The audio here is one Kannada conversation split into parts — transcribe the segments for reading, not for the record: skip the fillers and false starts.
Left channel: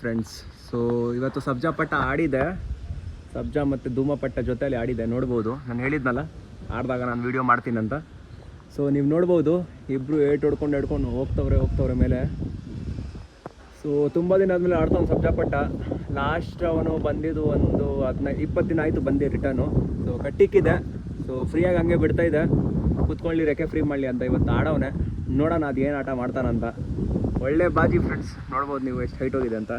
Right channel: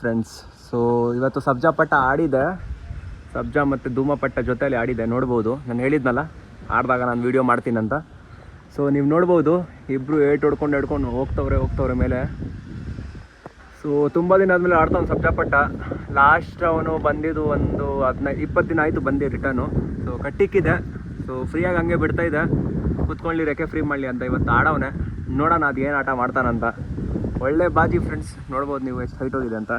ಫ್ರೆಂಡ್ಸ್, ಸೊ ಇವತ್ತು ಸಬ್ಜಾ ಪಟ್ಟ ಆಡಿದೆ. ಸಬ್ಜಾ ಮತ್ತು ಧೂಮ ಪಟ್ಟ ಜೊತೆಯಲ್ಲಿ ಆಡಿದೆ, ನೋಡ್ಬೋದು. ನಾನು ಹೇಳಿದ್ನಲ್ಲ ಆಡಿದಾಗ ನಾನು ವೀಡಿಯೋ ಮಾಡ್ತೀನಂತ. ಸೊ ನೀವು ನೋಡ್ಬೋದು, ಇಬ್ಬರು ಏಟು ಹೊಡ್ಕೊಂಡು ಹೋಗ್ತವ್ರೆ ಮೇಲೆ. ಸೊ ತುಂಬ ದಿನ ಆದಮೇಲೆ ಆಡ್ತಾನೆ ಸಬ್ಜಾ ಪಟ್ಟ. ಲಾಸ್ಟ್ ಅವನು ಬಂದಿದ್ದು ಒಂದು 15-20 ದಿನ ಆಯಿತು ಬಂದು ರಿಟರ್ನು. ಸೊ ಕಟ್ಟಿಕ್ಕಿದೆ, ಸೊ ಫ್ರೀಯಾಗಿ ಹಂಗೆ ಬಿಡ್ತಾ ಇದೆ, ಕುತ್ಕೊಳ್ಳಿ ರೆಕ್ಕೆ ಫ್ರೀ ಮಾಡಲಿ ಅಂತ. ಇವತ್ತು ಆಡವನೆ, ನೋಡೋಣ ಅದು ಏನು ಆಟ ಮಾಡ್ತಾನಂತ. ಒಳ್ಳೆ ಬಾಜಿ ಫ್ರೆಂಡ್ಸ್, ನೋಡ್ಬೋದು ನೀವು ಎಷ್ಟು ಹೈಟ್ ಹೋಗಿದೆ ಅಂತ.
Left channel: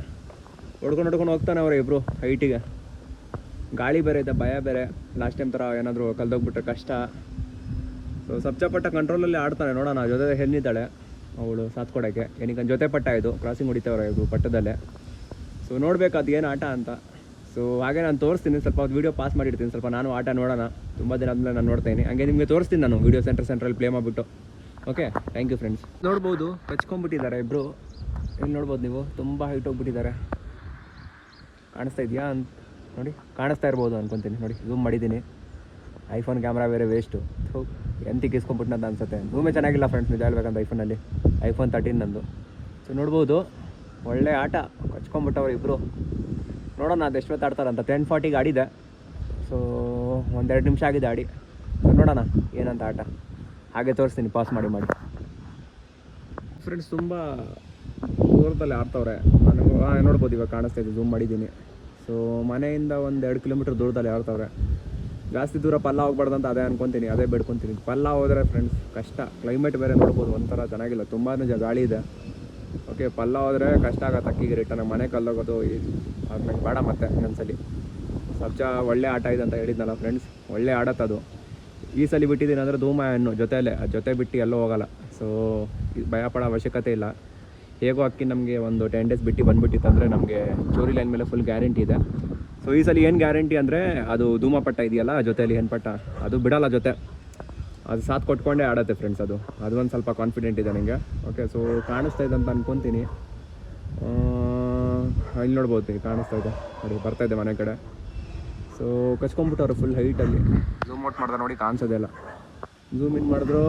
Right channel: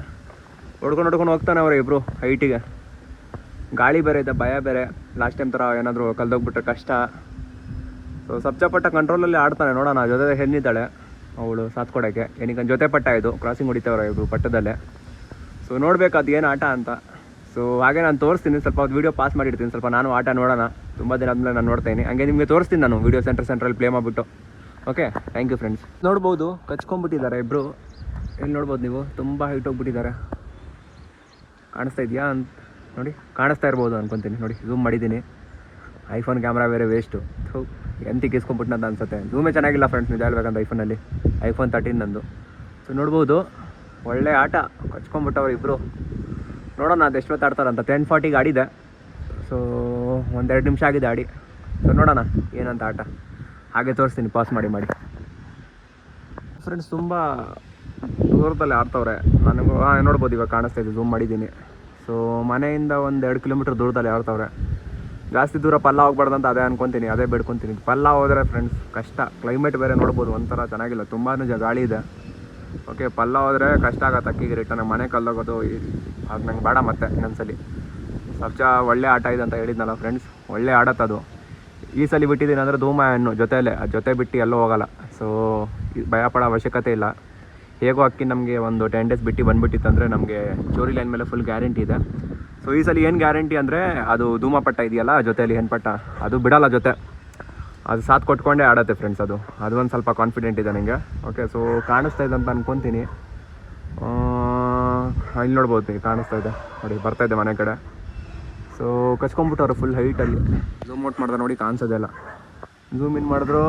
ಹೊಡ್ಕೊಂಡು ಹೋಗ್ತಾನೆ ಅವರೇ ಇಬ್ಬರು ಹೈಟಿಗೆ. ಗಾಳಿ ಬೇರೆ ಇದೆ, ಭಯ ಬೇರೆ. ಲಾಸ್ಟ್ ಟೈಮ್ ಥರ ಏನಾದರೂ ಕಲ್ದೋಗ್ಬಿಟ್ರೆ ಕಷ್ಟ. ಸೊ ಸಬ್ಜಾ ಪಟ್ಟ ಕಂಟ್ರೋಲಲ್ಲಿ ಆಡ್ತಾನೆ, ನೋಡೋಣ. ಜೊತೆ ಹೆಣ್ಣಿದ್ದಾಳೆ ಅವಳು ಸಾಥ್ ಕೊಡೋಕ್ಕೆ. ಏನಕ್ಕೆ ಜೊತೆ ಪಟ್ಟ ಇದು ಕ್ರಾಸಿಂಗ್ ಹೊಡಿತಾವ್ರೆ ಇಬ್ಬರು ಪಟ್ಟದಲ್ಲೇ. ಸೊ ನೋಡ್ಬೇಕು ಅದು ಏನು ಆಟ ಅಂತ. ಸೊ ಹಾಗೆ ನಾನು ತೋರಿಸ್ತೀನಿ, ಸ್ವಲ್ಪ ಹೊತ್ತು ವೀಡಿಯೋ ಪಾಸ್ ಮಾಡಿರ್ತೀನಿ, ಸ್ವಲ್ಪ ನಾನು ಆಟ ನೋಡೋಣ. ತುಂಬ ದಿನ ಆದಮೇಲೆ ನಾನು ನೋಡ್ತೀನಿ, ಹಂಗೆ ನಿಮಗೆ ತೋರಿಸ್ತೀನಿ ನಾನು ವೀಡಿಯೋ ಸೆಂಟ್ರಲ್ಲಿ ಪ್ಲೇ ಮಾಡಿಬಿಟ್ಟು. Okay, thank you friends. ನೋಡ್ಬೋದು ಕಚ್ಕೊಂಡ್ಬಿಟ್ಟಿದ್ದಾರೆ ಇಬ್ಬರು. ಎಲ್ಲಿ ನೋಡ್ಬೋದು ನೀವು, ತುಂಬ ಹೈಟ್ ಹೋಗ್ಬಿಟ್ಟಿದ್ದಾರೆ. ಕಾಣಿಸ್ತಾ ಇದೆಯಾ ಅಂತ ನೋಡಿ, ಕಾಣಿಸ್ತಾ ಇರ್ಬೋದು ಅನ್ಕೊತೀನಿ. ನೋಡಿ ಝೂಮ್ ಮಾಡಿದ್ದೀನಿ, ಐಫೋನ್ ಕ್ಯಾಮ್ರಾ ಬೇರೆ ವೇಸ್ಟು. ಎಂತಿಗೆ ಇಸ್ಕೊಂಡ್ಬಿಟ್ಟು ಅನ್ಸುತ್ತೆ. ಝೂಮೇ ಚೆನ್ನಾಗಿಲ್ಲ ಫ್ರೆಂಡ್ಸ್, ನಿಜ ಹೇಳ್ಬೇಕಂತ. ಐಫೋನಲ್ಲಿ iPhone 13 ನಂದು. ಸೊ ನೋಡ್ಬೋದು, ಒಳ್ಳೆ ಆಟ. ಕಚ್ಕೊಂಡ್ಬಿಟ್ಟವ್ರು ಇಬ್ಬರು. ನೋಡೋಣ ಅದು ಎಷ್ಟೊತ್ತು ಆಡ್ತಾರಂತ. 10:40ಗೆ ಆಡಿದೆ. ಸೊ 1-2 ನಿಮಿಷ ಆಗಿದೆ ಆಡಿ. ಸೊ ನೋಡೋಣ ಏನಂತ ಆಟ. ಹಾಗೆ ತೋರಿಸ್ತೀನಿ, ಪಾಸ್ ಮಾಡಿ ಫ್ರೆಂಡ್ಸ್. ತುಂಬ ದೂರದಲ್ಲಿ ಆಡ್ತವ್ರೆ. ನನಗೂ ನೋಡ್ಬೋದು, ಇವಾಗ ಕಾಣಿಸ್ತಾ ಇದೆ, ಝೂಮ್ ಮಾಡಿದ್ದೀನಿ. ಸೊ ಮನೆಯಿಂದ 1-2 ಕಿಲೋಮೀಟ್ರ್ ದೂರದಲ್ಲಿ ಆಡ್ತವ್ರೆ. ಜಾಸ್ತಿ ದೂರ ಪಲ್ಲ ಹೋಗ್ಬಾರ್ದಂತ ಅದೇ ಅನ್ಕೊತೀನಿ, ಅದೇ ಬಿಡ್ಕೊತೀನಿ. ಪಲ್ಲ ಹೋದರೆ ಫ್ರೆಂಡ್ಸ್ ಕಷ್ಟ. ಕ್ಲೈಮೇಟ್ ಬೇರೆ ನೋಡ್ಬೋದು, ಒಂಥರ ಚೆನ್ನಾಗಿಲ್ಲ, ತುಂಬಾ ಗಾಳಿ ಇದೆ. ಓಕೆ, ಪಲ್ಲ ಹೋದರೆ ಕಷ್ಟ ಆಗತ್ತೆ. ಅಕ್ಕಿಗೆ ರಿಟರ್ನ್ ಮನೆ ಕಲ್ಲೋಗೋದು ಅದು ನಂಗೆ ಬೇಡ. ಮತ್ತೆ ಇನ್ನೊಂದ್ಸಲಿ ಸಬ್ಜಾ ಒಳ್ಳೆ ಆಟ ಇದೆ ಅಂತ ಹೇಳಿದ್ನಲ್ಲ ಫ್ರೆಂಡ್ಸ್, ಒಳ್ಳೆ ಆಡತ್ತದು. ಈ ಸಲ ಬಿಟ್ಟಿದ್ದೀನಿ ಅಂದರೆ ಧೂಮ ಹೆಣ್ಣು ಜೊತೆಯಲ್ಲೇ, ಜೊತೆ ಬಿಟ್ಟು ಎಲ್ಲೋ ಹೋಗಲ್ಲ. ಸೊ ಭಯ ಪಡೋ ಅವಶ್ಯಕತೆ ಇಲ್ಲ. ಹೇಗೋ ಅಕ್ಕಿ ನಮಗೆ ಒಂದು 10 ಡೇಸ್ ಬಿಟ್ಟು ಬಂದುಬಿಟ್ಟಿತ್ತು ಅಂದರೆ ನಮಗೆ ಸ್ಟೋರಿ ಲೈನ್ ಮೇಲೆ ಫುಲ್ ಗ್ಯಾರಂಟಿ ಇದೆ. ಸೊ ಈ ಸಲ ಏನು ಗ್ಯಾರಂಟಿ ಅಂದರೆ ಅದು ಧೂಮ ಪಟ್ಟ ಇದೆಯಲ್ಲ ಜೊತೆಯಲ್ಲಿ ಹೆಣ್ಪಟ್ಟ, ಅದು ಬಿಡಲ್ಲ ಜೊತೆ. ಅದು ಸಾಥ್ ಕೊಟ್ಕೊಂಡೇ ಆಡತ್ತೆ ಫ್ರೆಂಡ್ಸ್. ಅದು ಒಂದು ಸ್ವಲ್ಪ ಕಾನ್ಫಿಡೆಂಟ್ ಇದೆ ನನಗೆ. ಓಕೆ, ಸೊ ಕಾಣಿಸ್ತಾ ಇದೆ ಅಂತ ಅನ್ಕೊತೀನಿ. ಇಲ್ಲಿ ನೋಡ್ಬೋದು, ಕಾಣಿಸ್ತಾ ಇದೆ ನೋಡಿ, ಬರ್ತಾ ಇದೆ ಮನೆ ಕಡೆ. ಸೊ ಕಚ್ಕೊಂಡ್ಬಿಟ್ಟವ್ರು ಫುಲ್ ಹೈಟಲ್ಲಿ. ಝೂಮ್ ಔಟ್ ಮಾಡಿದ್ರೆ ನೋಡಿ ಕಾಣಿಸೋದಿಲ್ಲ, ಝೂಮ್ ಇನ್ ಮಾಡಿದ್ರು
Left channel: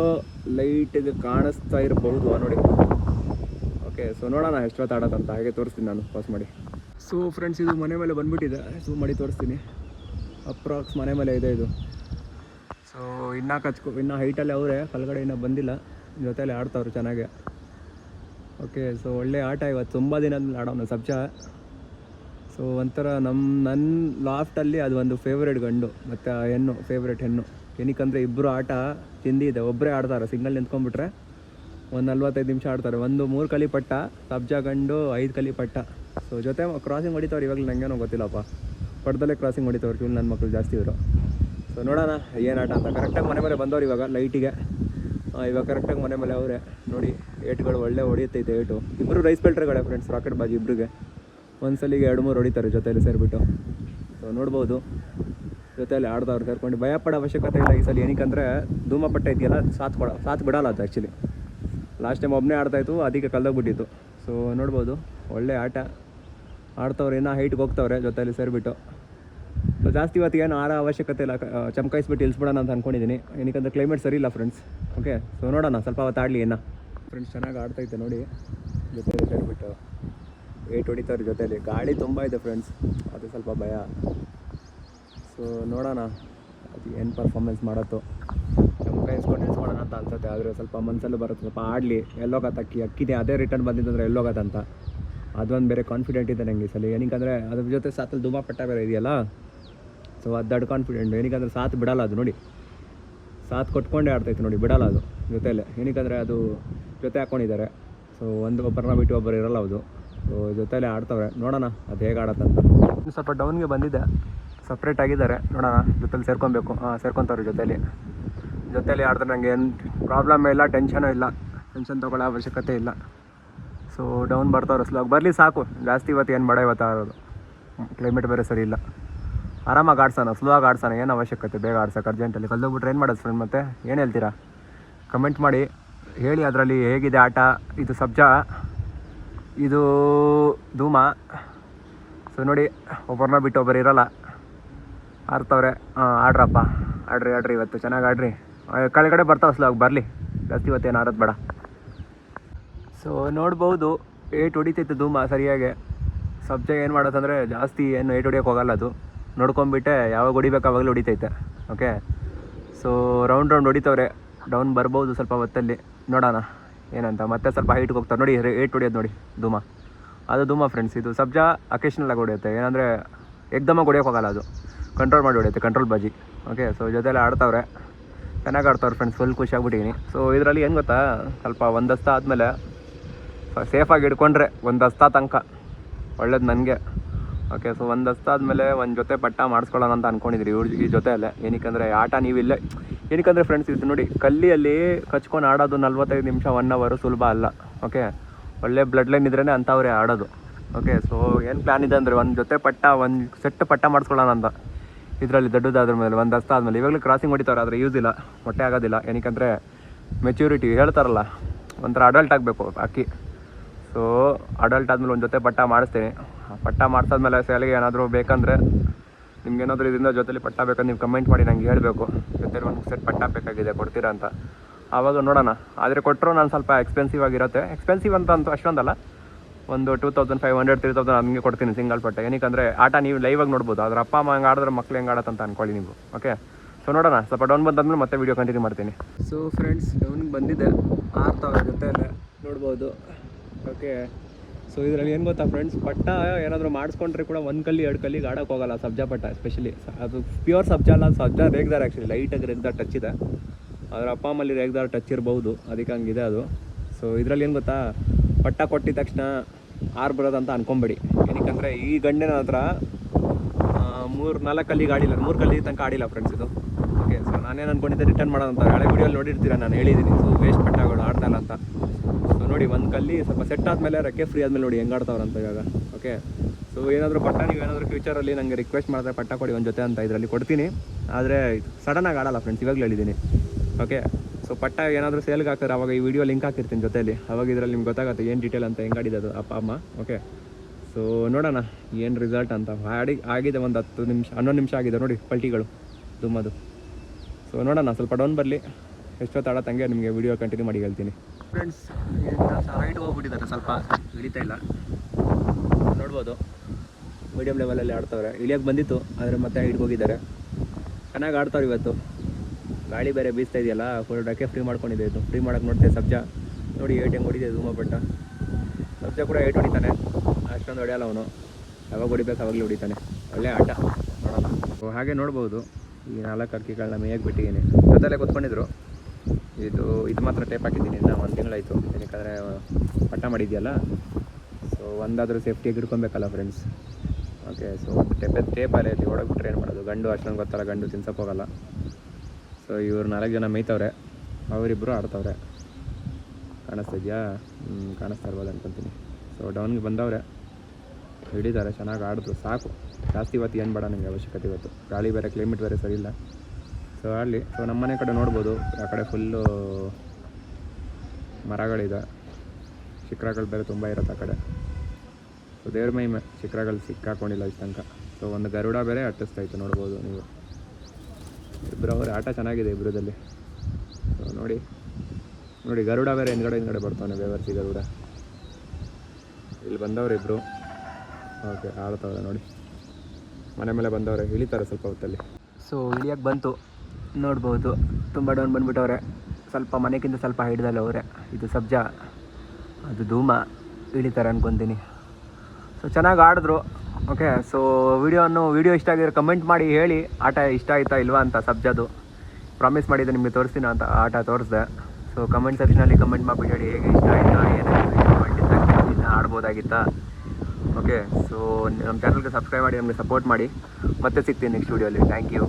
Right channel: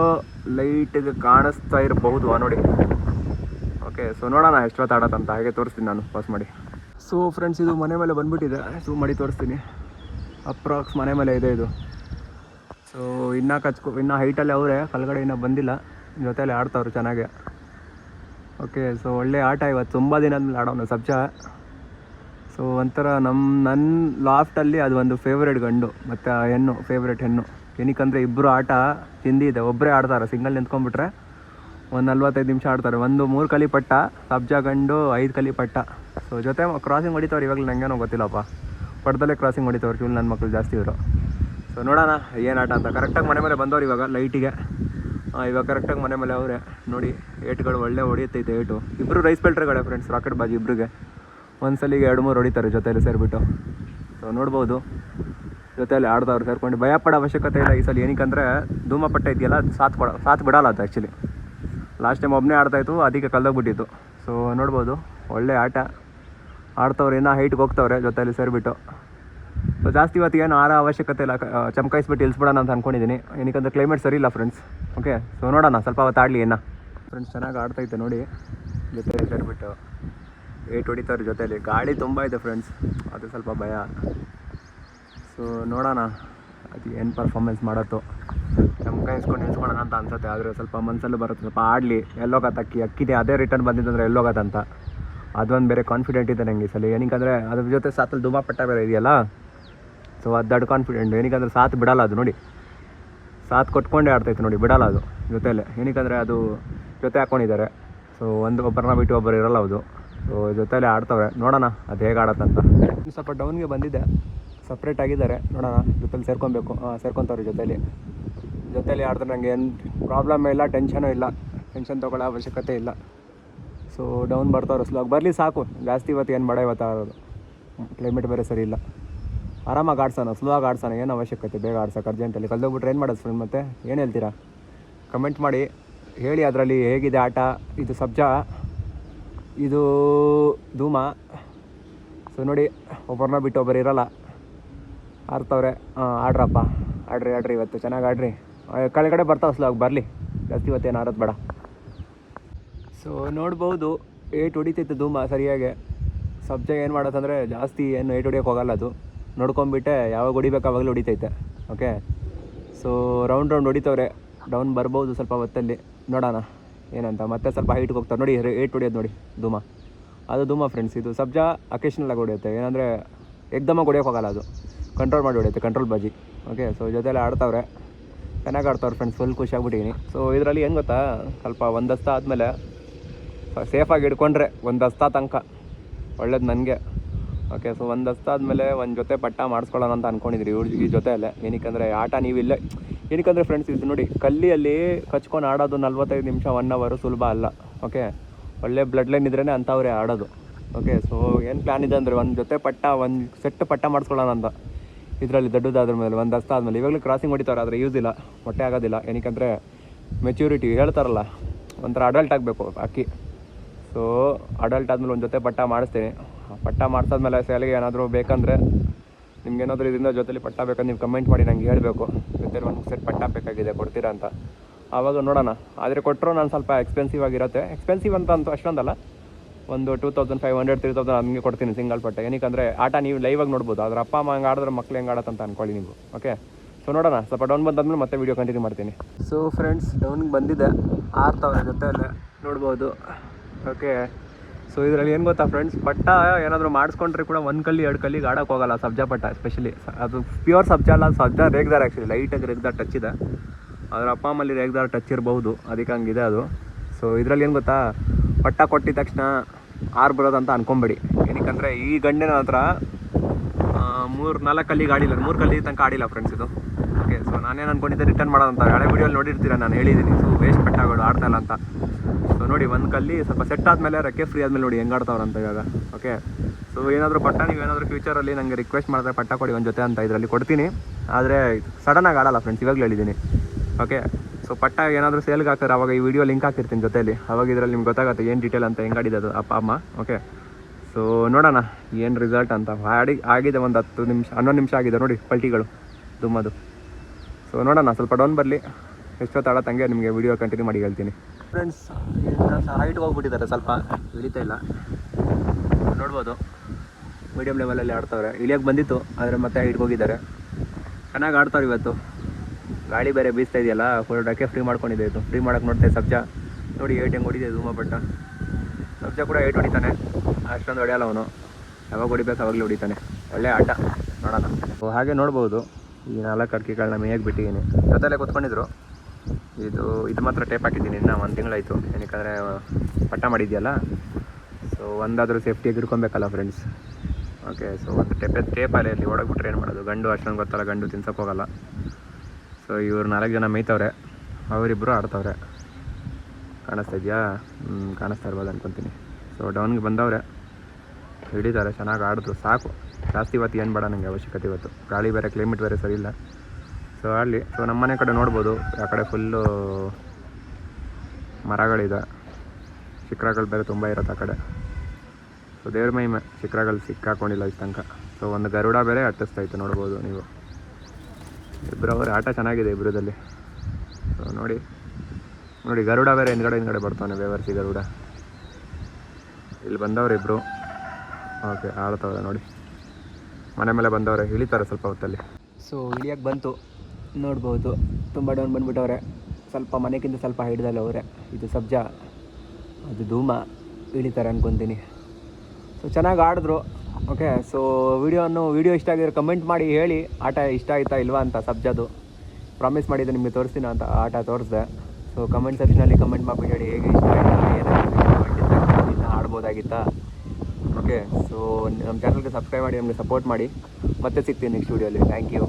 ಲೈಟಿಗೆ ಕಾಣಿಸ್ತಾ ಇರಬಹುದು ನೋಡಿ. ಓಕೆ, ಸೊ ನೋಡೋಣ ಎಷ್ಟೊತ್ತು ಆಡತ್ತಂತ. ಹಾಗೆ ತೋರಿಸ್ತೀನಿ ನಾನು, ಪಾಸ್ ಮಾಡಿ. ಸೊ ಫ್ರೆಂಡ್ಸ್, ಇದು ಮನೆ ಮೇಲೆ ಬಂದುಬಿಟ್ಟಿದೆ. ಝೂಮ್ ಮಾಡಿ ತೋರಿಸ್ತೀನಿ. ಅಪ್ರಾಕ್ಸ್ ಮನೆ ಮೇಲೆ ಇದೆ ಇದು. ಸೊ ಇನ್ನೂ ಹೈಟಲ್ಲಿ ಅವರೇ, ಕೆಳಗಡೆ ಇನ್ನೂ ಬಂದಿಲ್ಲ. ಜೊತೆಯಲ್ಲಿ ಆಡ್ತಾವ್ರು ಚೆನ್ನಾಗೆ. ಓಕೆ, ಸೊ ಒಳ್ಳೆ ಆಟ ಇವತ್ತು. ತುಂಬ ದಿನ ಆದಮೇಲೆ ಆಡೋನು ಸಬ್ಜಾ. ಸೊ ಒಂಥರ ನನ್ನ ಲಾಫ್ಟಲ್ಲಿ ಅದು ಒಂದು ಫೇವ್ರೇಟ್ ಗಂಡು ಮತ್ತು ಆ ಹೆಣ್ಣು ಫೇವ್ರೇಟ್ ಹೆಣ್ಣು. ಏನಕ್ಕಂದರೆ ಇಬ್ಬರು ಆಟ ಹಿಂದಿ ಇದೆ. ಒಬ್ಬರೇ ಆಡ್ತಾರೆ, ಸಿಂಗಲ್ ನಿಂತ್ಕೊಂಡ್ಬಿಟ್ರೆ ಒಂದು 45 ನಿಮಿಷ ಆಡ್ತಾರೆ. ಒಂದು 3 ಕಲಿ ಪಟ್ಟ, ಸಬ್ಜಾ ಗಂಡು 5 ಕಲಿ ಪಟ್ಟ. ಸೊ ಜೊತೆ ಕ್ರಾಸಿಂಗ್ ಹೊಡಿತವ್ರು. ಇವಾಗಲೂ ನನಗೇನೋ ಗೊತ್ತಿಲ್ಲಪ್ಪ, ಪಟ್ಟದಲ್ಲೇ ಕ್ರಾಸಿಂಗ್ ಹೊಡಿತವ್ರು. ಇವ್ರು ನನ್ನ ಮಕ್ಕಳು ಜಾಸ್ತಿ ಇವರು. ಸೊ ನೋಡೋಣ ಏನು ಆಟ ಅಂತ. ಕರೆಕ್ಟಾಗಿ ಮನೆ ಮೇಲೆ ಬಂದವ್ರು ಇವಾಗ ಲೈಟಿಗೆ. ಇವಾಗ ಕರೆಕ್ಟಾಗಿ ಮನೆ ಮೇಲೆ ಅವರೇ ನೋಡಿ. ಏಟುಗಳು ಒಳ್ಳೆ ಹೊಡಿಯುತ್ತೈತೆ ಏಟು. ಇಬ್ಬರು ರೈಸ್ ಪೆಲ್ಟ್ರ್ಗಳೇ ಫ್ರೆಂಡ್ಸ್, ರಾಕೆಟ್ ಬಾಜಿ ಇಬ್ಬರಿಗೆ. ಒಂದು ಸಲಿಗೆ 2-3 ಹೊಡಿತಾರೆ ಜೊತೆಯಲ್ಲಿ ಸೇರಿಬಿಟ್ಟು. ನಾವು ನೋಡ್ಬೋದು, ಜೊತೆಯಲ್ಲಿ ಆಡ್ದವ್ರು ಸೇರ್ಕೊಂಡು. ಭಯ ಪಡೋ ಅವಶ್ಯಕತೆ ಇಲ್ಲ ಈ ಸಲ. ಏನಕ್ಕಂದರೆ ಧೂಮ ಪಟ್ಟ ಇದೆಯಲ್ಲ, ಅದು ಸಾಥ್ ಬಿಡಲ್ಲ ಅದು ಆ್ಯಕ್ಚುಲಿ. ಲಾಸ್ಟ್ ಟೈಮ್ ಒಬ್ಬನೇ ಆಡ್ತಾಯಿತ್ತು, ಅದಕ್ಕೆ ಕಲ್ದೋಗ್ಬಿಟ್ಟಿತ್ತು. ಸೊ ನೋಡ್ಬೋದು, ಒಳ್ಳೆ ಆಟ ಆಡ್ತವ್ರು. ಇನ್ನೂ ಹೈಟ್ಗೆ ಹೋಗ್ತವ್ರೆ ಜೊತೆಯಲ್ಲಿ ಸೇರಿಬಿಟ್ಟು. ಸೊ ಜಾಸ್ತಿ ಇವತ್ತು ಏನು ಆಡೋ ಅವಶ್ಯಕತೆ ಇಲ್ಲ, ಚಮಕಾಯಿಸ್ಬಿಟ್ಟು ಇಳಿಸ್ಬಿಡೋಣ ಅಂತ ಅಂದ್ಕೊಂಡಿದ್ದೀನಿ. ಏನಕ್ಕಂದ್ರೆ ಕ್ಲೈಮೇಟ್ ಸರಿ ಇಲ್ಲ ಫ್ರೆಂಡ್ಸ್. ಓಕೆ, ಸೊ ನೋಡೋಣ ಸ್ವಲ್ಪ ಹೊತ್ತು ಆಡಲಿ ಏನ. ಫ್ರೆಂಡ್ಸ್ ಚೆನ್ನಾಗಿ ಆಡ್ತೈತೆ ನೋಡಿ, ಜೊತೆಯಲ್ಲಿ ಸೇರಿಬಿಟ್ಟು ಏಟ್ ಹೊಡಿತಾರೆ ಜೊತೆಯಲ್ಲಿ. ಗಾಳಿ ತುಂಬ ಇದೆ ಫ್ರೆಂಡ್ಸ್, ಅದು ಸ್ವಲ್ಪ ಭಯ. ಸೊ ನೋಡೋಣ ಅದು ಏನು ಪರ್ಫಾರ್ಮೆನ್ಸ್ ಮಾಡೋದು. ಚಮಕಾಯಿಸ್ಕೊಂಡು ನಿಲ್ಸ್ಕೊಳ್ಳೋಣ ಅಂತ ಅನ್ಸುತ್ತೆ, ಆದರೆ ಸ್ವಲ್ಪ ಮನಸ್ಸಲ್ಲೂ ಬರುತ್ತೆ, ಸ್ವಲ್ಪ ಆಡಲಿ. ಎಲ್ಲೋಗತ್ತೆ ಅಕ್ಕಿದೆ, ಅದೇ ರಿಟರ್ನ್ ಬಂದಿದ್ದಂದರೆ ಎಲ್ಲೋಗತ್ತಂತ ಅದೊಂದು ಬೇರೆ ಕಾನ್ಫಿಡೆಂಟ್ ಇದೆ ನನಗೆ ಈ ಸಲ. ಏನಕ್ಕಂದರೆ ಅದ್ರ ಜೊತೆ ಸಾತಲ್ಲಿ ಧೂಮ ಪಟ್ಟ ಬೇರೆ ಇದೆಯಲ್ಲ. ಸೊ ಅದು ದೊಡ್ಡ ಕಾನ್ಫಿಡೆಂಟ್. ಏನಕ್ಕಂದ್ರೆ ಸಾಥ್ ಬಿಡಲ್ಲ ಅದು ನೋಡಿ, ಸಾಥ್ ಕೊಟ್ಕೊಂಡೇ ಆಡ್ತೈತೆ ನೋಡಿ, ಬಿಡಲ್ಲ ಅದು ಜೊತೆಯಲ್ಲೇ. ಏನಕ್ಕಂದರೆ ಅದು ಜೊತೆ ಹಾಕ್ಕೊಂಡಿದ್ದಾರೆ. ಸೊ ಒಬ್ಬರನ್ನ ಬಿಟ್ಟು ಒಬ್ಬರು ಇರೋಲ್ಲ ಅದು. ಸೊ ಜೊತೆಯಲ್ಲೇ ಆಡ್ತವೆ, ನೋಡೋಣ ಅದು ಹೇಗೆ ಆಡತ್ತಂತ. ಸ್ವಲ್ಪ ಡೌನ್ಗೆ ಬಂದಿದೆ, ಸಪ್ರೇಟ್ ಆಗಿದ್ದಾರೆ, ನೋಡೋಣ. ಜೊತೆಲಿ ಸೇರ್ಕೊಬೇಕು, ಸೇರ್ಕೊತಾರೆ ಜೊತೆಯಲ್ಲಿ ಆಡಿದ್ರೆ ನನಗೆ ಏನು ಪ್ರಾಬ್ಲಮ್ ಇಲ್ಲ, ಟೆನ್ಷನೂ ಇಲ್ಲ. ಟೆನ್ಷನ್ ತೊಗೊಳ್ಳೋ ಅವಶ್ಯಕತೆ ಇಲ್ಲ. ಸೊ ಡೌನ್ ಬರ್ತಾವ್ರೆ, ಸ್ಲೋ ಬರಲಿ ಸಾಕು. ಜಾಸ್ತಿ ಇವತ್ತು ಏನು ಬೇಡ ಇವತ್ತು ಆಡೋದು. ಕ್ಲೈಮೇಟ್ ಬೇರೆ ಸರಿ ಇಲ್ಲ. ಆರಾಮಾಗಿ ಆಡ್ಸೋಣ, ಸ್ಲೋ ಆಗಿ ಆಡ್ಸೋಣ. ಏನು ಅವಶ್ಯಕತೆ ಬೇಗ ಆಡ್ಸೋಕೆ ಅರ್ಜೆಂಟಲ್ಲಿ. ಕಲ್ದೋಗ್ಬಿಟ್ರೆ ಏನು ಮಾಡೋದು ಫ್ರೆಂಡ್? ಮತ್ತೆ ಏನು ಹೇಳ್ತೀರಾ? ಕಮೆಂಟ್ ಮಾಡಿ ಹೇಳಿ ಅದರಲ್ಲಿ ಹೇಗಿದೆ ಆಟ. ಇದು ಸಬ್ಜಾ, ಇದು ಧೂಮ. ಸೊ ನೋಡಿ, ಒಬ್ಬರನ್ನ ಬಿಟ್ಟು ಒಬ್ಬರು ಇರೋಲ್ಲ, ಆಡ್ತವ್ರೆ. ಆಡ್ರಪ್ಪ, ಆಡ್ರಿ ಇವತ್ತು ಚೆನ್ನಾಗಿ ಆಡ್ರಿ. ಕೆಳಗಡೆ ಬರ್ತಾವೆ ಸ್ಲೋ ಆಗಿ, ಬರಲಿ. ಜಾಸ್ತಿ ಇವತ್ತೇನು ಆಡೋದು ಬೇಡ. ಸೊ ನೋಡ್ಬೋದು, ಏಟ್ ಹೊಡಿತೈತೆ ಧೂಮ ಸರಿಯಾಗಿ. ಸಬ್ಜೆ ಏನು ಮಾಡೋದಂದರೆ ಜಾಸ್ತಿ ಏನು ಏಟ್ ಹೊಡಿಯೋಕೆ ಹೋಗಲ್ಲ ಅದು, ನೋಡ್ಕೊಂಬಿಟ್ಟೆ ಯಾವಾಗ ಹೊಡಿಬೇಕು ಅವಾಗಲೂ ಹೊಡಿತೈತೆ. ಓಕೆ, ಸೊ ರೌಂಡ್ ಹೊಡಿತವ್ರೆ, ಡೌನ್ ಬರ್ಬೋದು ಸ್ವಲ್ಪ ಹೊತ್ತಲ್ಲಿ, ನೋಡೋಣ ಏನಂತ. ಮತ್ತೆ ಸ್ವಲ್ಪ ಹೈಟ್ಗೆ ಹೋಗ್ತಾರೆ ನೋಡಿ, ಏಟ್ ಹೊಡಿಯೋದು ನೋಡಿ ಧೂಮ, ಅದು ಧೂಮ ಫ್ರೆಂಡ್ಸ್. ಇದು ಸಬ್ಜಾ ಅಕೇಶನಲಾಗಿ ಹೊಡಿಯುತ್ತೆ, ಏನಂದರೆ ಎಕ್ದಮ್ಮಾಗಿ ಹೊಡಿಯೋಕೆ ಹೋಗಲ್ಲ ಅದು, ಕಂಟ್ರೋಲ್ ಮಾಡಿ ಹೊಡಿಯುತ್ತೆ, ಕಂಟ್ರೋಲ್ ಬಾಜಿ. ಓಕೆ, ಸೊ ಜೊತೆಲ್ಲ ಆಡ್ತಾವ್ರೆ, ಚೆನ್ನಾಗಿ ಆಡ್ತಾವ್ರೆ ಫ್ರೆಂಡ್ಸ್, ಫುಲ್ ಖುಷಿಯಾಗ್ಬಿಟ್ಟಿದ್ದೀನಿ. ಸೊ ಇದರಲ್ಲಿ ಏನು ಗೊತ್ತಾ, ಸ್ವಲ್ಪ ಒಂದು ಹಸ್ತ ಆದಮೇಲೆ ಸೇಫಾಗಿ ಹಿಡ್ಕೊಂಡ್ರೆ ಒಂದು ಹಸ್ತ ತನಕ ಒಳ್ಳೇದು ನನಗೆ. ಓಕೆ, ಸೊ ಒಂದು ಹಸ್ತ ಆದಮೇಲೆ ಒಂದು ಜೊತೆ ಪಟ್ಟ ಮಾಡಿಸ್ಕೊಳ್ಳೋಣ ಅಂತ ಅಂದ್ಕೊಂಡಿದ್ರಿ ಈ ಜೊತೆಯಲ್ಲೇ. ಏನಕ್ಕಂದರೆ ಆಟ ನೀವಿಲ್ಲ, ಏನಕ್ಕಂದರೆ ಫ್ರೆಂಡ್ಸ್ ಇದು ನೋಡಿ, ಕಲ್ಲಿಯಲ್ಲಿ ಕಚ್ಕೊಂಡು ಆಡೋದು 45 ನಿಮಿಷ 1 ಅವರ್ ಸುಲಭ ಅಲ್ಲ. ಓಕೆ, ಒಳ್ಳೆ ಬ್ಲಡ್ ಲೈನ್ ಇದ್ರೇ ಅಂಥವ್ರೆ ಆಡೋದು. ಓಕೆ, ಸೊ ಏನು ಪ್ಲ್ಯಾನ್ ಇದೆ ಅಂದರೆ ಒಂದು ಜೊತೆ ಪಟ್ಟ, ಒಂದು ಸೆಟ್ ಪಟ್ಟ ಮಾಡಿಸ್ಕೊಳ್ಳೋಣ ಅಂತ ಇದರಲ್ಲಿ ದೊಡ್ಡದಾದ್ರ ಮೇಲೆ, ಒಂದು ಹಸ್ತ ಆದಮೇಲೆ. ಇವಾಗಲೂ ಕ್ರಾಸಿಂಗ್ ಹೊಡಿತಾರೆ, ಆದರೆ ಯೂಸ್ ಇಲ್ಲ, ಹೊಟ್ಟೆ ಆಗೋದಿಲ್ಲ. ಏನಕ್ಕಂದರೆ ಮೆಚ್ಯೂರಿಟಿ ಹೇಳ್ತಾರಲ್ಲ, ಒಂಥರ ಅಡಲ್ಟ್ ಆಗಬೇಕು ಅಕ್ಕಿ. ಸೊ ಅಡಲ್ಟ್ ಆದಮೇಲೆ ಒಂದು ಜೊತೆ ಪಟ್ಟ ಮಾಡಿಸ್ತೀನಿ. ಪಟ್ಟ ಮಾಡಿಸಾದ್ಮೇಲೆ ಸೇಲಿಗೆ ಏನಾದರೂ ಬೇಕಂದರೆ, ನಿಮ್ಗೇನಾದರೂ ಇದರಿಂದ ಜೊತೆಲಿ ಪಟ್ಟ ಬೇಕಂದ್ರೆ ನೀವು ಕಮೆಂಟ್ ಮಾಡಿ ನಂಗೆ ಹೇಳಬೇಕು, ಜೊತೆಲಿ ಒಂದು ಸೆಟ್ ಪಟ್ಟ ಬೇಕಾಗಿದೆ ಕೊಡ್ತೀರಾ ಅಂತ. ಆವಾಗ ನೋಡೋಣ. ಆದರೆ ಕೊಟ್ಟರು ನಾನು ಸ್ವಲ್ಪ ಎಕ್ಸ್ಪೆನ್ಸಿವ್ ಆಗಿರುತ್ತೆ, ಎಕ್ಸ್ಪೆನ್ಸಿವ್ ಅಂತ ಅಷ್ಟೊಂದಲ್ಲ, ಒಂದು 2500 3000 ಹಂಗೆ ಕೊಡ್ತೀನಿ ಸಿಂಗಲ್ ಪಟ್ಟ. ಏನಕ್ಕಂದರೆ ಆಟ ನೀವು ಲೈವಾಗಿ ನೋಡ್ಬೋದು, ಅದ್ರ ಅಪ್ಪ ಅಮ್ಮ ಹಂಗೆ ಆಡಿದ್ರೆ ಮಕ್ಳು ಹೆಂಗೆ ಆಡತ್ತಂತ ಅಂದ್ಕೊಳ್ಳಿ ನೀವು. ಓಕೆ, ಸೊ ನೋಡೋಣ, ಸ್ವಲ್ಪ ಡೌನ್ ಬಂದಾದ್ಮೇಲೆ ಮತ್ತೆ ವೀಡಿಯೋ ಕಂಟಿನ್ಯೂ ಮಾಡ್ತೀನಿ. ಸೊ ಫ್ರೆಂಡ್ಸ್, ಡೌನ್ಗೆ ಬಂದಿದೆ, ಆಡ್ತಾವೆ ಜೊತೆ ನೋಡ್ಬೋದು. ಓಕೆ, ಸೊ ಇದರಲ್ಲಿ ಏನು ಗೊತ್ತಾ ಫ್ರೆಂಡ್ಸ್, ಪಟ್ಟ ಏನಾದರೂ ಮಾಡಿಸ್ಕೊಂಡ್ರೆ ಕೂಡ 1 ಕಲ್ಲಿ 2 ಕಲ್ಲಿಗೆ ಆಡೋಕೆ ಹೋಗಲ್ಲ ಸಬ್ಜಾ ಪಟ್ಟ ಎಸ್ಪೆಷಲಿ. ಅದು ಪ್ಯೂರ್ ಸಬ್ಜಾ ಅಲ್ಲ, ಸಬ್ಜಾ ರೇಗ್ದಾರ್ ಆ್ಯಕ್ಚುಲಿ, ಲೈಟಾಗಿ ರೇಗ್ದಾರ್ ಟಚ್ ಇದೆ. ಅದರ ಅಪ್ಪ ಅಮ್ಮಲ್ಲಿ ರೇಗ್ದಾರ್ ಟಚ್ ಇರ್ಬೋದು, ಅದಕ್ಕೆ ಹಂಗಿದೆ ಅದು. ಸೊ ಇದರಲ್ಲಿ ಏನು ಗೊತ್ತಾ, ಪಟ್ಟ ಕೊಟ್ಟಿದ ತಕ್ಷಣ ಆರು ಬರೋದಂತ ಅನ್ಕೊಂಬೇಡಿ. ಏನಕ್ಕಂದರೆ ಈ ಗಂಡಿನ ಹತ್ರ 3-4 ಕಲ್ಲಿಗೆ ಆಡಿಲ್ಲ, 3 ಕಲ್ಲಿಗೆ ತನಕ ಆಡಿಲ್ಲ ಫ್ರೆಂಡ್ಸ್ ಇದು. ಓಕೆ, ಸೊ ನಾನೇನು ಅಂದ್ಕೊಂಡಿದ್ದೆ ರಿಟರ್ನ್ ಮಾಡೋಣ ಅಂತ, ಹಳೆ ವಿಡಿಯೋಲ್ಲಿ ನೋಡಿರ್ತೀರ, ನಾನು ಹೇಳಿದ್ದೀನಿ. ಸೊ ವೇಸ್ಟ್ ಪಟ್ಟಗಳು ಆಡ್ತಾ ಇಲ್ಲ ಅಂತ. ಸೊ ನೋಡಿ, 1 ಕಲ್ಲಿ ಸ್ವಲ್ಪ ಸೆಟ್ ಆದಮೇಲೆ ರೆಕ್ಕೆ ಫ್ರೀ ಆದಮೇಲೆ ನೋಡಿ ಹೆಂಗೆ ಆಡ್ತಾವ್ರಂತ ಇವಾಗ. ಓಕೆ, ಸೊ ಏನಾದರೂ ಪಟ್ಟ ನೀವೇನಾದರೂ ಫ್ಯೂಚರಲ್ಲಿ ನನಗೆ ರಿಕ್ವೆಸ್ಟ್ ಮಾಡಿದ್ರೆ ಪಟ್ಟ ಕೊಡಿ ಒಂದು ಜೊತೆ ಅಂತ ಇದರಲ್ಲಿ ಕೊಡ್ತೀನಿ. ಆದರೆ ಸಡನ್ನಾಗಿ ಆಡಲ್ಲ ಫ್ರೆಂಡ್ಸ್, ಇವಾಗಲೂ ಹೇಳಿದ್ದೀನಿ. ಓಕೆ, ಸೊ ಪಟ್ಟ ಏನಾದರೂ ಸೇಲ್ಗೆ ಹಾಕ್ತಾರೆ, ಅವಾಗ ಈ ವಿಡಿಯೋ ಲಿಂಕ್ ಹಾಕಿರ್ತೀನಿ ಜೊತೆಯಲ್ಲಿ, ಅವಾಗ ಇದರಲ್ಲಿ ನಿಮ್ಗೆ ಗೊತ್ತಾಗುತ್ತೆ ಏನು ಡೀಟೇಲ್ ಅಂತ, ಹೆಂಗೆ ಆಡಿದೆ ಅದು ಅಪ್ಪ ಅಮ್ಮ. ಓಕೆ, ಸೊ ನೋಡೋಣ ಏನು ರಿಸಲ್ಟ್ ಅಂತ. ಆಗಿದೆ ಒಂದು 10 ನಿಮಿಷ 11 ನಿಮಿಷ ಆಗಿದೆ ನೋಡಿ ಪಲ್ಟಿಗಳು ದುಮ್ಮದು. ಸೊ ನೋಡೋಣ, ಸ್ವಲ್ಪ ಡೌನ್ ಬರಲಿ, ಎಷ್ಟೊತ್ತು ಆಡತ್ತಂಗೆ ನಿಮಗೆ ವಿಡಿಯೋ ಕಂಟಿನ್ಯೂ ಮಾಡಿ ಹೇಳ್ತೀನಿ. ಫ್ರೆಂಡ್ಸ್, ಹೈಟ್ಗೆ ಹೋಗ್ಬಿಟ್ಟಿದ್ದಾರೆ, ಸ್ವಲ್ಪ ಹಿಡಿತಾ ಇಲ್ಲ, ನೋಡ್ಬೋದು. ಮೀಡಿಯಮ್ ಲೆವೆಲಲ್ಲಿ ಆಡ್ತಾವ್ರೆ, ಇಳಿಯೋಕ್ಕೆ ಬಂದಿತ್ತು ಆದರೆ ಮತ್ತೆ ಹೈಟ್ಗೆ ಹೋಗಿದ್ದಾರೆ. ಚೆನ್ನಾಗಿ ಆಡ್ತಾವ್ರೆ ಇವತ್ತು. ಗಾಳಿ ಬೇರೆ ಬೀಸ್ತಾ ಇದೆಯಲ್ಲ, ಫುಲ್ ಡಕ್ಕೆ ಫ್ರೀ ಮಾಡ್ಕೊಂಡಿದೆ. ಇದು ಫ್ರೀ ಮಾಡೋಕ್ಕೆ ನೋಡ್ತೇವೆ ಸಬ್ಜಾ ನೋಡಿ, 8 ಹೆಂಗೆ ಹೊಡಿದೆ ಧೂಮ ಪಟ್ಟ. ಸಬ್ಜಾ ಕೂಡ 8 ಹೊಡಿತಾನೆ, ಅಷ್ಟೊಂದು ಹೊಡೆಯಲ್ಲ ಅವನು, ಯಾವಾಗ ಹೊಡಿಬೇಕು ಅವಾಗಲೇ ಹೊಡಿತಾನೆ. ಒಳ್ಳೆ ಆಟ, ನೋಡೋಣ. ಹಾಗೆ ನೋಡ್ಬೋದು, ಈ 4 ಅಡಿಕೆಗಳನ್ನ ಮೇಯಕ್ಕೆ ಬಿಟ್ಟಿದ್ದೀನಿ, ಜೊತೆಲೆ ಕೂತ್ಕೊಂಡಿದ್ರು. ಇದು ಮಾತ್ರ ಟೇಪ್ ಹಾಕಿದ್ದೀನಿ, ನಾನು 1 ತಿಂಗಳಾಯಿತು. ಏನಕ್ಕಂದರೆ ಪಟ್ಟ ಮಾಡಿದ್ಯಲ್ಲ, ಸೊ ಒಂದಾದರೂ ಸೇಫ್ಟಿಯಾಗಿ ಇಟ್ಕೊಬೇಕಲ್ಲ ಫ್ರೆಂಡ್ಸ್. ಓಕೆ, ಸೊ ಒಂದು ಟೇಪಲ್ಲೇ ಇಲ್ಲಿ ಒಳಗ್ಬಿಟ್ರೆ ಏನು ಮಾಡೋದು, ಗಂಡು ಅಷ್ಟೊಂದು ಗೊತ್ತಲ್ಲ, ಗಂಡು ತಿನ್ಸೋಕೆ ಹೋಗಲ್ಲ. ಸೊ ಇವ್ರು 4 ಜನ ಮೇಯ್ತವ್ರೆ, ಅವರಿಬ್ಬರು ಆಡ್ತವ್ರೆ. ಕಾಣಿಸ್ತಾ ಇದೆಯಾ? ಕಾಣಿಸ್ತಾ ಇರ್ಬೋದು ಅನ್ಕೊತೀನಿ. ಸೊ ಡೌನ್ಗೆ ಬಂದವ್ರೆ, ಹಿಡಿತಾರೆ, ಚೆನ್ನಾಗಿ ಆಡಿದ್ರು, ಸಾಕು. ಜಾಸ್ತಿ ಇವತ್ತು ಏನು ಬೇಡ ನನಗೆ ಅವಶ್ಯಕತೆ. ಇವತ್ತು ಗಾಳಿ ಬೇರೆ, ಕ್ಲೈಮೇಟ್ ಬೇರೆ ಸರಿ ಇಲ್ಲ. ಸೊ ಆಡಲಿ. ಸೊ ನಮ್ಮ ಮನೆ ಕಡೆ ನೋಡ್ಬೋದು, ಆ ಕಡೆ ಫುಲ್ಲು ಮರಗಳಿದೆ, ಶಿಖರಗಳು ಬೇರೆ ತುಂಬ ಇರುತ್ತೆ ಆ ಕಡೆ. ಸೊ ದೇವ್ರ ಮಹಿಮೆ, ಶಿಖರಗಳು ಸಿಕ್ಕಾಕೊಂಡಿಲ್ಲ ಇಷ್ಟು ತನಕ. ಸೊ ಒಂದು ಗರುಡ ಬೇರೆ ಅಟ್ಟಿಸ್ತಾಯಿತ್ತು, ನೋಡ್ಬೋದು ನೀವು. ಇಬ್ಬರವ್ರ ಆಟ ಚೆನ್ನಾಗಿದೆ ಇಬ್ಬರದಲ್ಲಿ. ನೋಡಿ ನೋಡಿ, ಗರುಡ ಬೇರೆ ಹಿಂದ್ಗಡೆ ಬರ್ತಾನೆ, ಬೇವರ್ಸಿ ಗರುಡ. ಇಲ್ಲಿ ಬಂದವ್ರು ಇಬ್ಬರು. ಓಕೆ, ಆಡ್ತವ್ರೆ ನೋಡಿ, ಮನೆ ಮೇಲೆ ಬಂದವ್ರೆ, ಇಳಿತಾರೆ ಸ್ವಲ್ಪ ಹೊತ್ತಲ್ಲಿ. ಸೊ ಇಳಿಯೋಕ್ಕೆ ಬಂತು, ನೋಡ್ಬೋದು. ತುಂಬ ಡೌನ್ ಬಂದುಬಿಟ್ಟವ್ರೆ, ಸ್ವಲ್ಪ ಮನೆಗಿಂತ ಸ್ವಲ್ಪ ಹಿಡ್ದಲ್ಲ ಅವರೇ. ಇದು ಸಬ್ಜಾ, ಅದು ಧೂಮ, ಇಳಿತಾರೆ ಅನ್ಕೊತೀನಿ. ಸೊ ಚೆನ್ನಾಗಿ ಆಡಿದ್ರು. ಓಕೆ, ಸೊ ವಿಡಿಯೋ ಇಷ್ಟ ಆಗಿದ್ರೆ ಕಮೆಂಟ್ ಮಾಡಿ ಹೇಳಿ, ಆಟ ಇಷ್ಟ ಆಯ್ತಾ ಇಲ್ವಾ ಅಂತ. ಸಬ್ಜಾದು ಪ್ರಾಮಿಸ್ ಮಾಡಿದ್ದೆ ನಿಮಗೆ ತೋರಿಸ್ತೀನಿ ಅಂತ, ಆಟ ತೋರಿಸ್ದೆ. ಸೊ ಕಮೆಂಟ್ ಸೆಕ್ಷನಲ್ಲಿ ಕಮೆಂಟ್ ಮಾಡಿಬಿಟ್ಟು ಹೇಳಿ, ಹೇಗೆ ಇಷ್ಟ ಆಯಿತಾ, ಏನಾಯಿತು, ಆಡ್ಬೋದಾಗಿತ್ತಾ. ಓಕೆ, ಸೊ ನಮ್ಮ ಚಾನಲ್ಗೆ ಸಬ್ಸ್ಕ್ರೈಬ್ ಮಾಡಿ, ನಮಗೆ ಸಪೋರ್ಟ್ ಮಾಡಿ. ಮತ್ತೆ ಸಿಗ್ತೀನಿ ನೆಕ್ಸ್ಟ್ ವೀಡಿಯೋಲಿ. Thank you.